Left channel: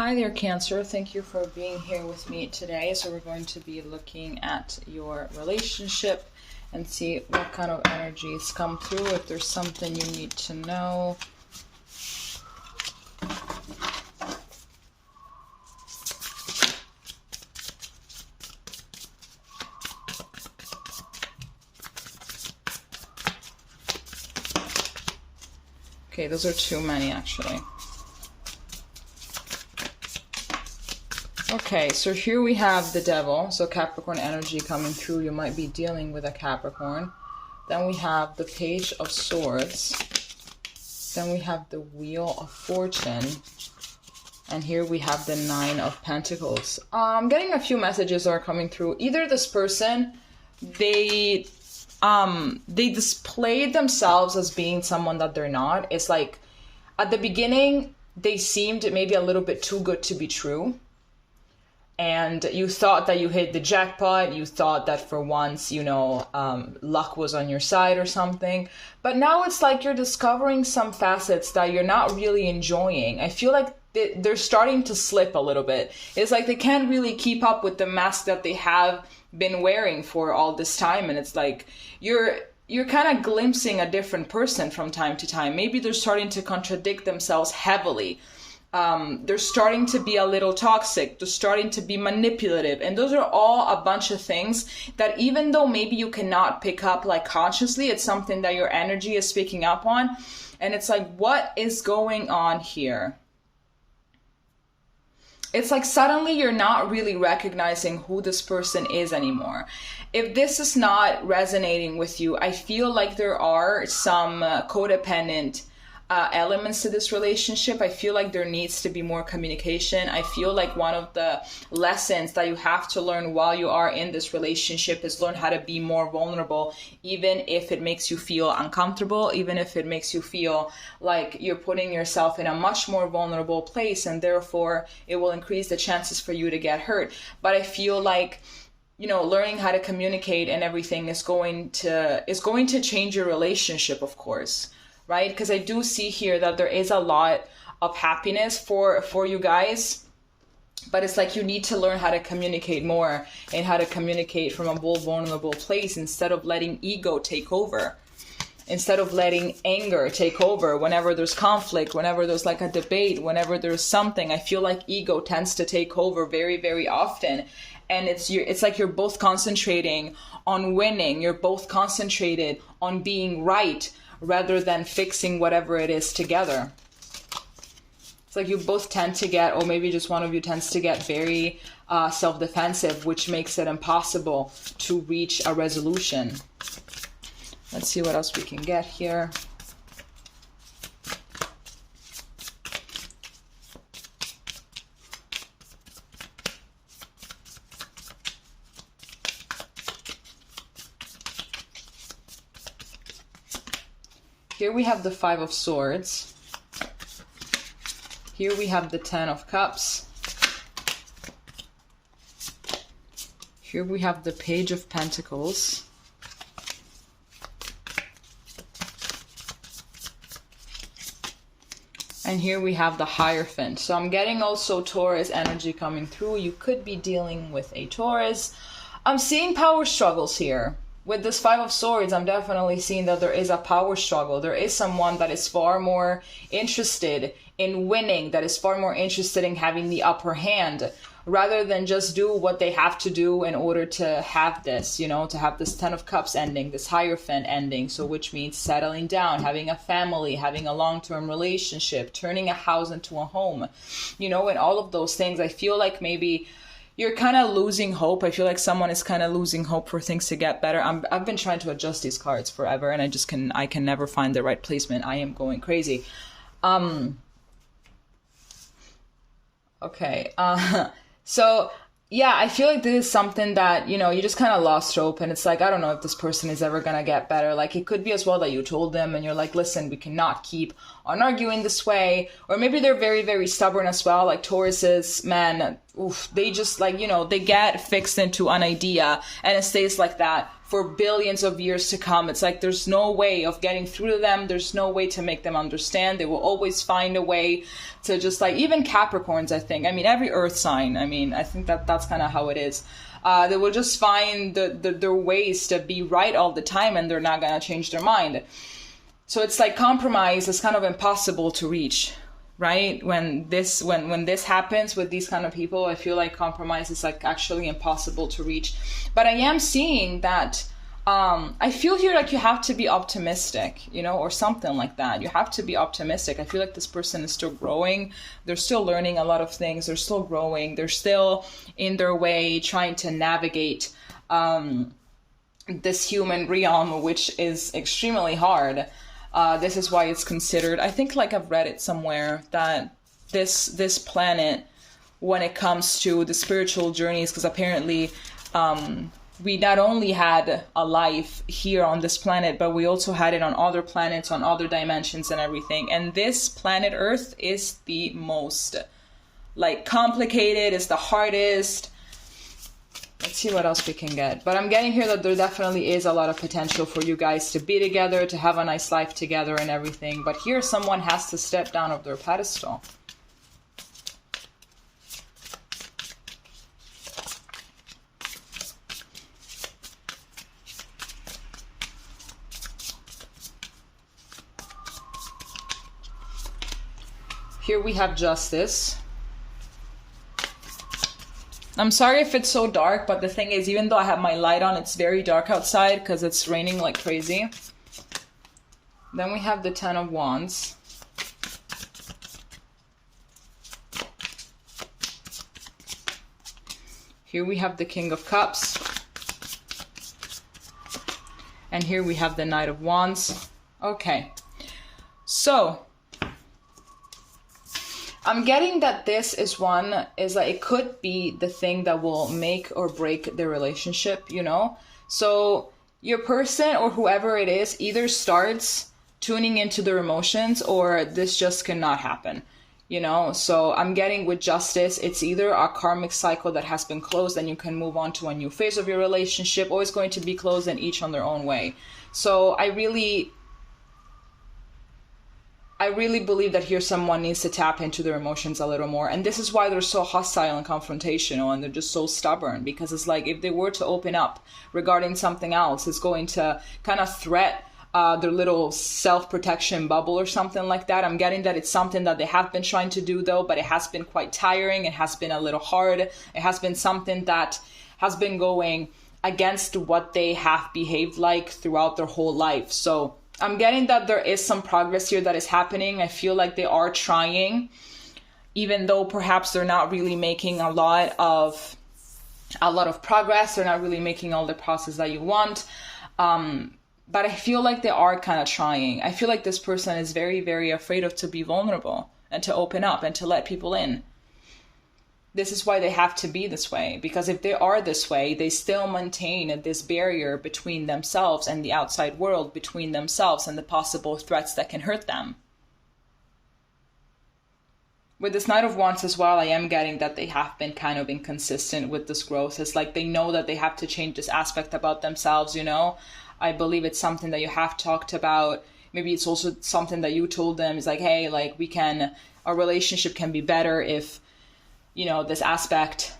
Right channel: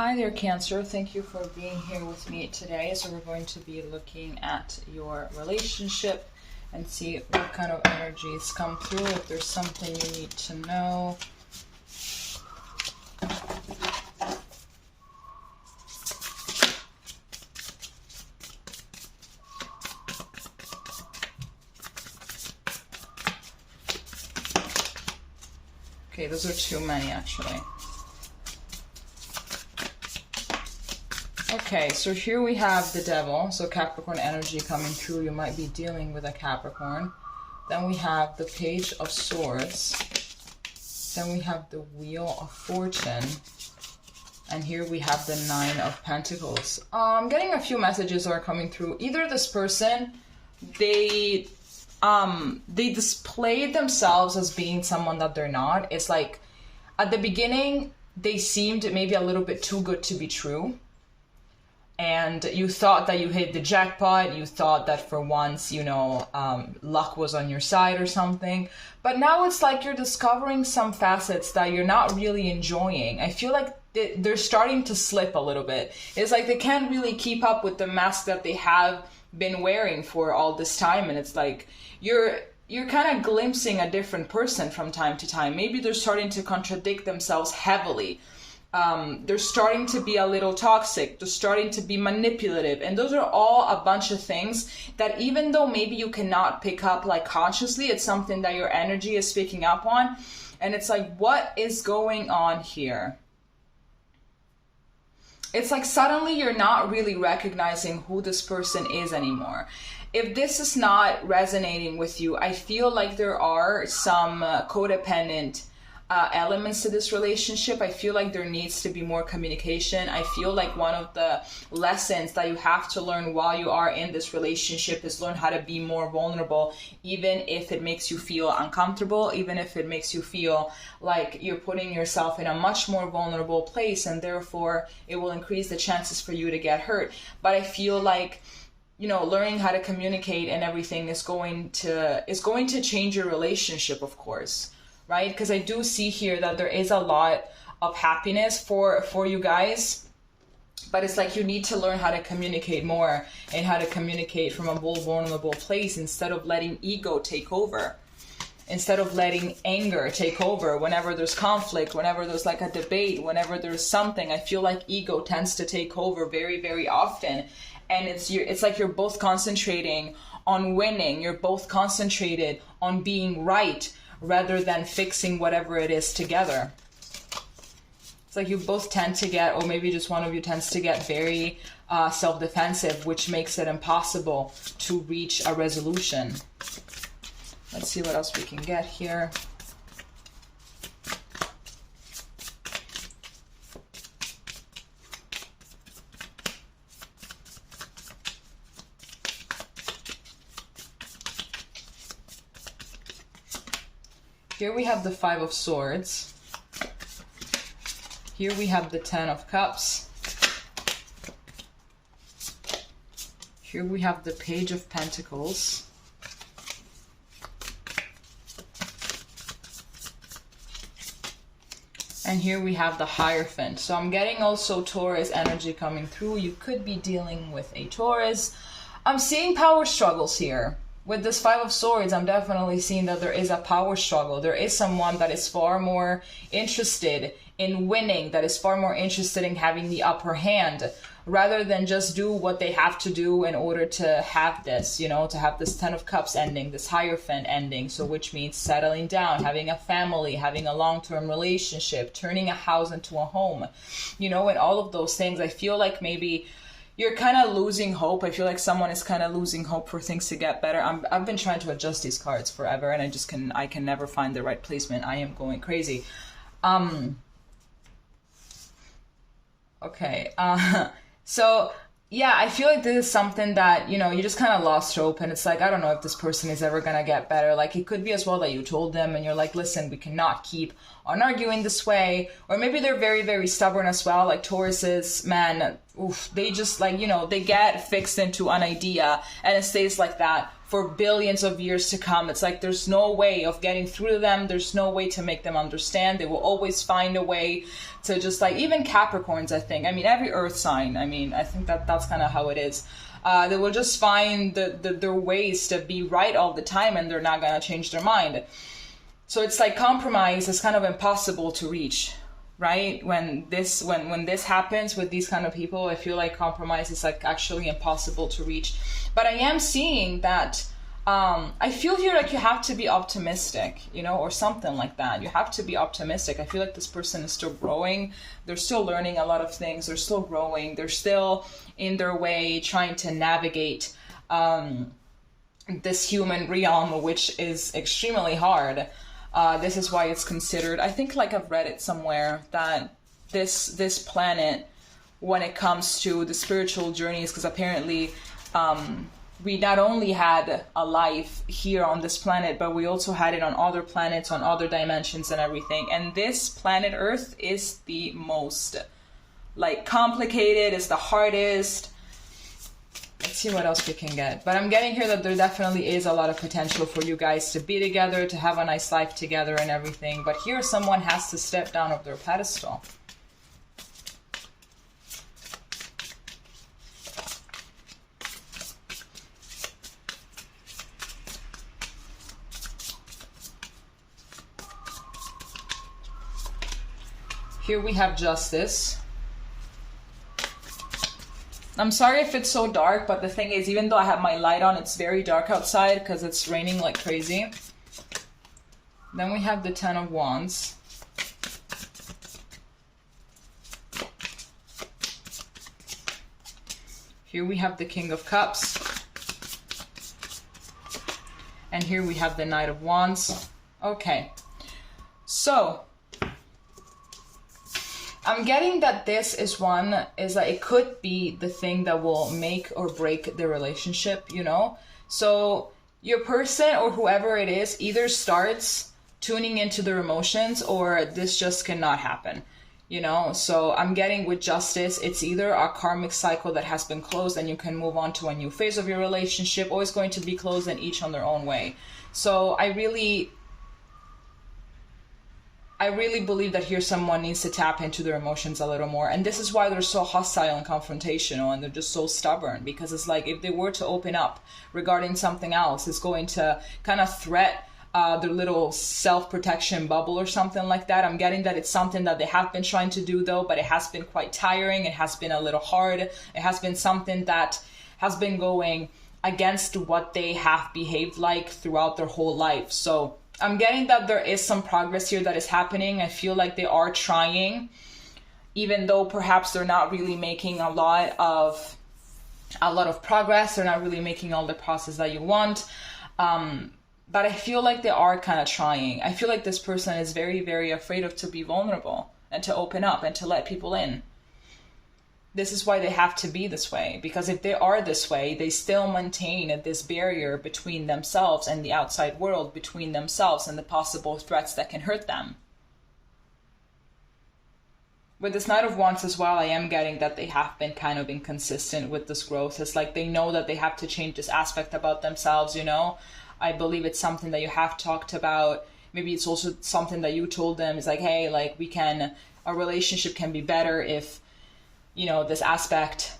Hi there, Cancer. Thank you for being here with me today. So we're going to be looking at your relationship and see what kind of energies come through, if there's something you need to know. Okay, those are too many actually. Okay, so here we have the Devil, so Capricorn energy coming through. You might be dealing with a Capricorn. Then we have the Page of Swords. Then we have the Wheel of Fortune. And here we have the Nine of Pentacles. I'm getting a few messages that are coming through. Either this person, they displayed themselves as being someone that they're not. It's like, at the beginning, they seemed maybe a little bit too good to be true. And you thought that you hit the jackpot. You thought that for once, you know, luck was on your side or something. But now it's like you're discovering some facets that you're not really enjoying. I feel like they're starting to slip a little bit. It's like they can't really keep up with the mask that they have been wearing for all this time. And it's like you're kind of glimpsing a different person from time to time. Maybe they're starting to contradict themselves heavily. They're starting to be a little toxic. They're starting to be manipulative. And those are all a bunch of things that even though maybe you cannot pick up like consciously, it's something that your energy is picking up on. And it's like, what is going on here? It's like suddenly you're not really recognizing who this person is anymore. If this is not resonating with you, I feel like there are some codependent elements to this relationship. I feel like there needs to be more communication. I feel like one of the lessons that you have to learn while you are in this relationship is learn how to be more vulnerable, even if it makes you feel uncomfortable, even if it makes you feel like you're putting yourself in a much more vulnerable place, and therefore it will increase the chances for you to get hurt. But I feel like, you know, learning how to communicate and everything is going to change your relationship, of course. Right? Because I do see here that there is a lot of happiness for you guys, but it's like you need to learn how to communicate more and how to communicate from a vulnerable place instead of letting ego take over, instead of letting anger take over whenever there's conflict, whenever there's like a debate, whenever there's something. I feel like ego tends to take over very, very often. And it's like you're both concentrating on winning. You're both concentrated on being right, rather than fixing whatever it is together. It's like you both tend to get, or maybe just one of you tends to get very self-defensive, which makes it impossible to reach a resolution. Let's see what else we can get here. Here we have the Five of Swords. Here we have the Ten of Cups. Here we have the Page of Pentacles. And here we have the Hierophant. So I'm getting also Taurus energy coming through. You could be dealing with a Taurus. I'm seeing power struggles here. With this Five of Swords, I'm definitely seeing that there is a power struggle. There is someone that is far more interested in winning, that is far more interested in having the upper hand, rather than just do what they have to do in order to have this, you know, to have this Ten of Cups ending, this Hierophant ending. So which means settling down, having a family, having a long-term relationship, turning a house into a home, you know, and all of those things. I feel like maybe you're kind of losing hope. I feel like someone is kind of losing hope for things to get better. I've been trying to adjust these cards forever, and I can never find the right placement. I am going crazy. Okay. So yeah, I feel like this is something that, you know, you just kind of lost hope, and it's like, I don't know if this person is ever going to get better. Like, it could be as well that you told them and you're like, listen, we cannot keep on arguing this way. Or maybe they're very, very stubborn as well. Like Tauruses, man, oof, they just like, you know, they get fixed into an idea and it stays like that for billions of years to come. It's like there's no way of getting through to them. There's no way to make them understand. They will always find a way to just like, even Capricorns, I think. I mean, every earth sign, I mean, I think that that's kind of how it is. They will just find their ways to be right all the time, and they're not going to change their mind. So it's like compromise is kind of impossible to reach, right? When this happens with these kind of people, I feel like compromise is like actually impossible to reach. But I am seeing that I feel here like you have to be optimistic, you know, or something like that. You have to be optimistic. I feel like this person is still growing. They're still learning a lot of things. They're still growing. They're still in their way trying to navigate this human realm, which is extremely hard. This is why it's considered, I think like I've read it somewhere, that this planet, when it comes to the spiritual journeys, because apparently we not only had a life here on this planet, but we also had it on other planets, on other dimensions and everything. And this planet Earth is the most like complicated, it's the hardest. Let's see what else we can get. But I'm getting here that there definitely is a lot of potential for you guys to be together, to have a nice life together and everything. But here someone has to step down off their pedestal. Here we have Justice. I'm sorry if it's so dark, but the thing is, even though I have my light on, it's very dark outside because it's raining like crazy. Then we have the Ten of Wands. Here we have the King of Cups. And here we have the Knight of Wands. Okay. So I'm getting that this is like it could be the thing that will make or break the relationship, you know? So your person or whoever it is either starts tuning into their emotions or this just cannot happen, you know? So I'm getting with Justice, it's either a karmic cycle that has been closed and you can move on to a new phase of your relationship, or it's going to be closed and each on their own way. So I really believe that here someone needs to tap into their emotions a little more. And this is why they're so hostile and confrontational, and they're just so stubborn, because it's like if they were to open up regarding something else, it's going to kind of threat their little self-protection bubble or something like that. I'm getting that it's something that they have been trying to do though, but it has been quite tiring. It has been a little hard. It has been something that has been going against what they have behaved like throughout their whole life. So I'm getting that there is some progress here that is happening. I feel like they are trying, even though perhaps they're not really making a lot of progress. They're not really making all the process that you want. But I feel like they are kind of trying. I feel like this person is very, very afraid to be vulnerable and to open up and to let people in. This is why they have to be this way, because if they are this way, they still maintain this barrier between themselves and the outside world, between themselves and the possible threats that can hurt them. With this Knight of Wands as well, I am getting that they have been kind of inconsistent with this growth. It's like they know that they have to change this aspect about themselves, you know? I believe it's something that you have talked about. Maybe it's also something that you told them. It's like, hey, like our relationship can be better if, you know, this aspect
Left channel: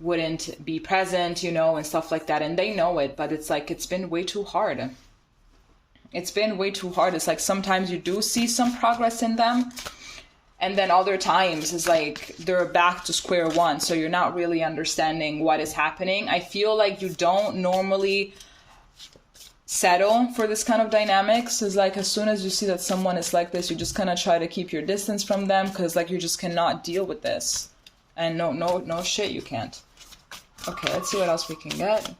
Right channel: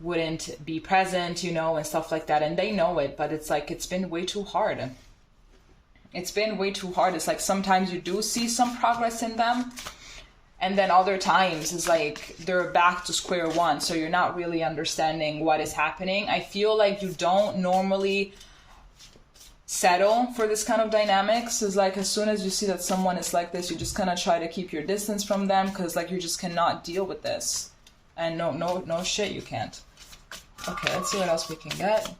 wouldn't be present, you know, and stuff like that. And they know it, but it's like, it's been way too hard. It's been way too hard. It's like sometimes you do see some progress in them, and then other times it's like they're back to square one. So you're not really understanding what is happening. I feel like you don't normally settle for this kind of dynamics. Is like as soon as you see that someone is like this, you just kind of try to keep your distance from them, because like you just cannot deal with this. And no shit, you can't. Okay, let's see what else we can get.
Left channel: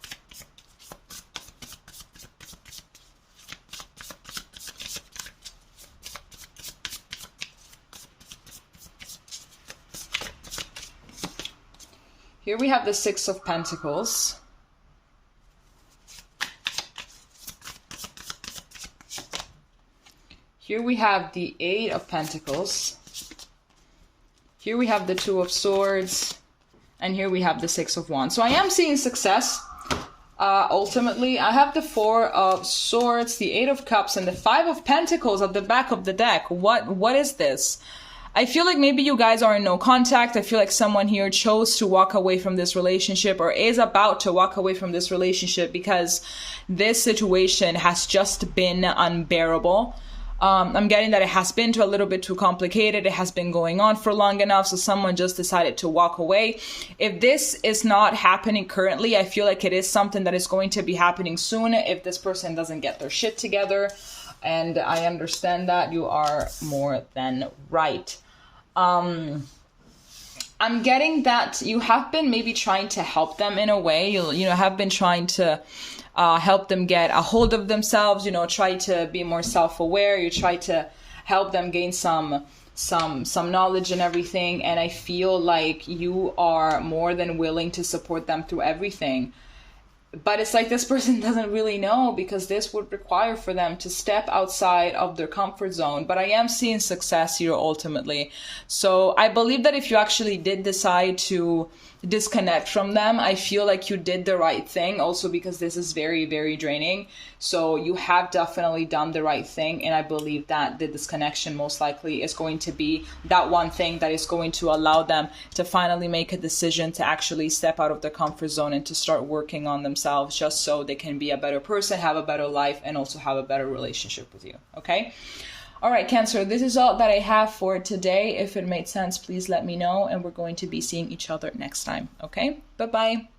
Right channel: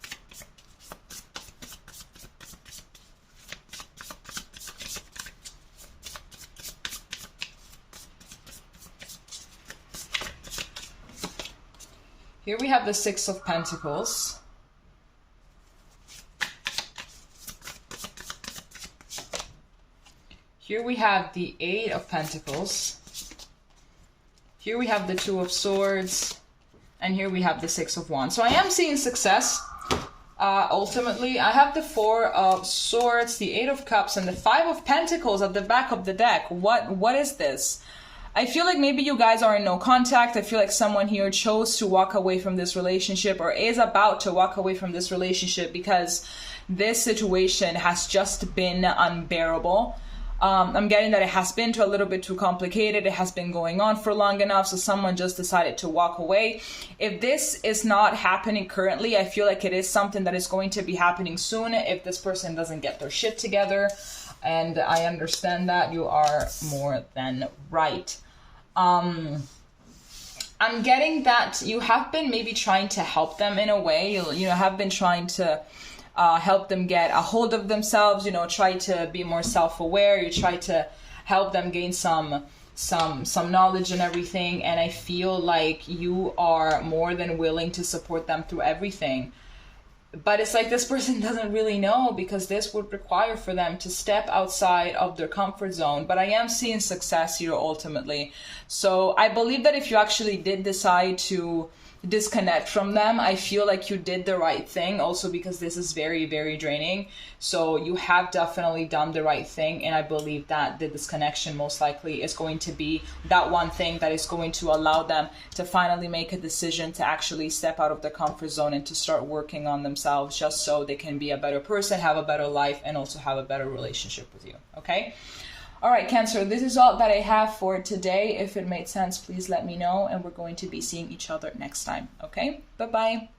Here we have the Six of Pentacles. Here we have the Eight of Pentacles. Here we have the Two of Swords. And here we have the Six of Wands. So I am seeing success. Ultimately, I have the Four of Swords, the Eight of Cups, and the Five of Pentacles at the back of the deck. What is this? I feel like maybe you guys are in no contact. I feel like someone here chose to walk away from this relationship or is about to walk away from this relationship because this situation has just been unbearable. I'm getting that it has been a little bit too complicated. It has been going on for long enough, so someone just decided to walk away. If this is not happening currently, I feel like it is something that is going to be happening soon if this person doesn't get their shit together. And I understand that. You are more than right. I'm getting that you have been maybe trying to help them in a way. You know, have been trying to help them get a hold of themselves, you know, try to be more self-aware. You try to help them gain some knowledge and everything. And I feel like you are more than willing to support them through everything. But it's like this person doesn't really know, because this would require for them to step outside of their comfort zone. But I am seeing success here ultimately. So I believe that if you actually did decide to disconnect from them, I feel like you did the right thing, also because this is very, very draining. So you have definitely done the right thing, and I believe that the disconnection most likely is going to be that one thing that is going to allow them to finally make a decision to actually step out of their comfort zone and to start working on themselves, just so they can be a better person, have a better life, and also have a better relationship with you. Okay? All right, Cancer, this is all that I have for today. If it made sense, please let me know, and we're going to be seeing each other next time. Okay? Bye-bye.